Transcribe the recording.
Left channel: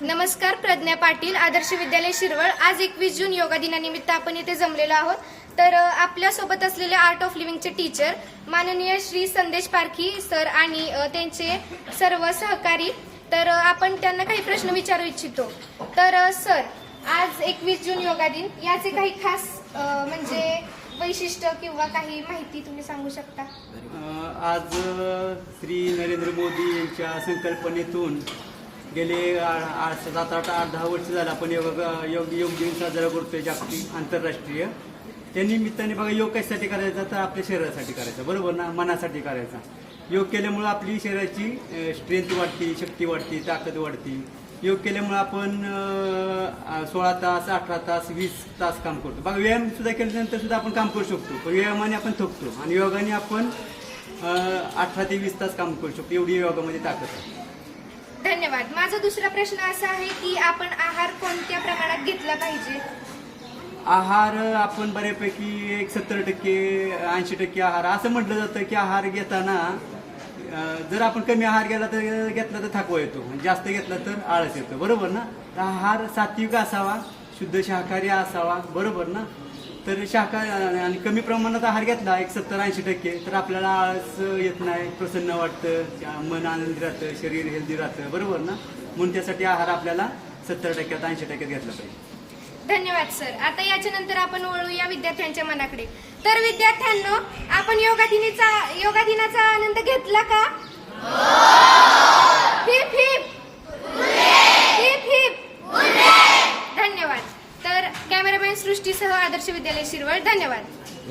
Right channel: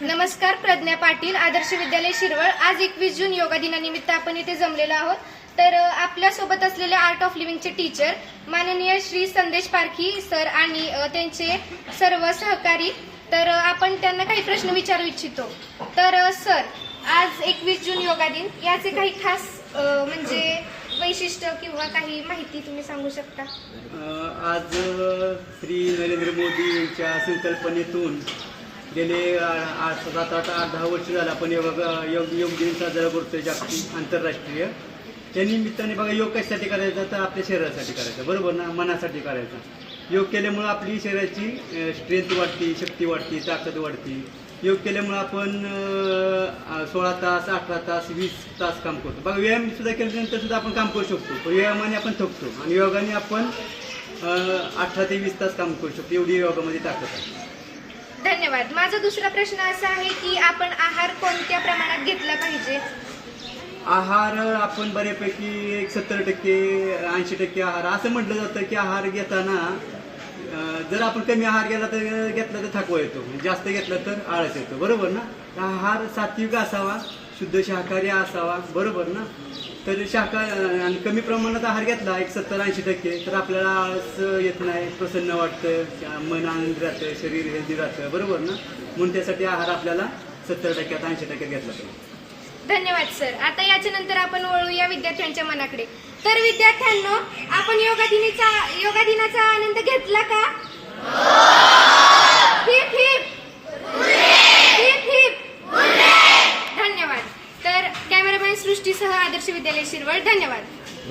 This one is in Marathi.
नमस्कार, प्रज्ञा पाटील, आदर्श विद्यालय शिरवळ। आज 21 जून योगा दिनानिमित्त आपण इथे जमलेलो आहोत। तर आपल्या सोबत असलेले आर्ट ऑफ लिव्हिंगचे टीचर माननीय श्री संदेश पारखी सर आणि त्यांचे सर्व सहकारी। तर आपण त्यांना काही प्रश्न विचारू इच्छितो। तर सर, आज 21 जून योगा दिन, याचे काही खास म्हणजे वैशिष्ट्य किंवा काही माहिती तुम्ही सांगू शकता? आज श्री नरेंद्र मोदी यांच्या संकल्पनेतून गेले 7-8-10 वर्ष झालं आपण योग दिन साजरा करतोय, जागतिक आंतरराष्ट्रीय। त्या निमित्ताने बघा, योग कशासाठी करायचा तर आपल्या शरीरासाठी करायचा, बरोबर ना, मनासाठी करायचा। योग केल्यामुळे आपली शरीराची स्ट्रेंथ वाढते, शक्ती वाढते, ताकद वाढते। योग केल्यामुळे आपण 16 तास, 18 तास, 20 तास काम करतो। बघा, व्यायाम सुद्धा केल्यानंतर सुद्धा आपण काम करू शकतो, पण व्यायामाने आपण थकतो आणि योगाने आपण 18 ते 20 तास काम करू शकतो, एवढी योगामध्ये ताकद आहे। धन्यवाद। माझा दुसरा प्रश्न असा आहे की आपण आहार कोणत्या प्रमाणात घेतला पाहिजे? आहार आपण बऱ्यापैकी 70% 80% आहार असं म्हटलं जातं की आहार घेताना जर आपण कमी आहार घेतला तर थकवा येतो, जास्त घेतला तर आळस येतो, बरोबर ना। आहार सात्विक असावा, शुद्ध शाकाहारी असावा, बरोबर ना। तर शाकाहारी आणि कमी प्रमाणात आहार घेतला 70-80% तर आपल्याला आळस येत नाही, प्रसन्न वाटतं, मन आनंदी राहतं, शरीर हेल्दी राहतं, बरोबर ना। म्हणून त्यासाठी आहार आपल्याला 70% 80% घेतला पाहिजे। धन्यवाद सर। आता याच्यानंतर आपण वळूया विद्यार्थ्यांच्या मनाकडे। तर विद्यार्थ्यांनो, आपण योगा दिनाचा आनंद घेतला का? Heap heap heap heap. धन्यवाद। तर कॅमेरामॅन सृष्टीसह आदर्श विद्यालय शिरवळ, धन्यवाद।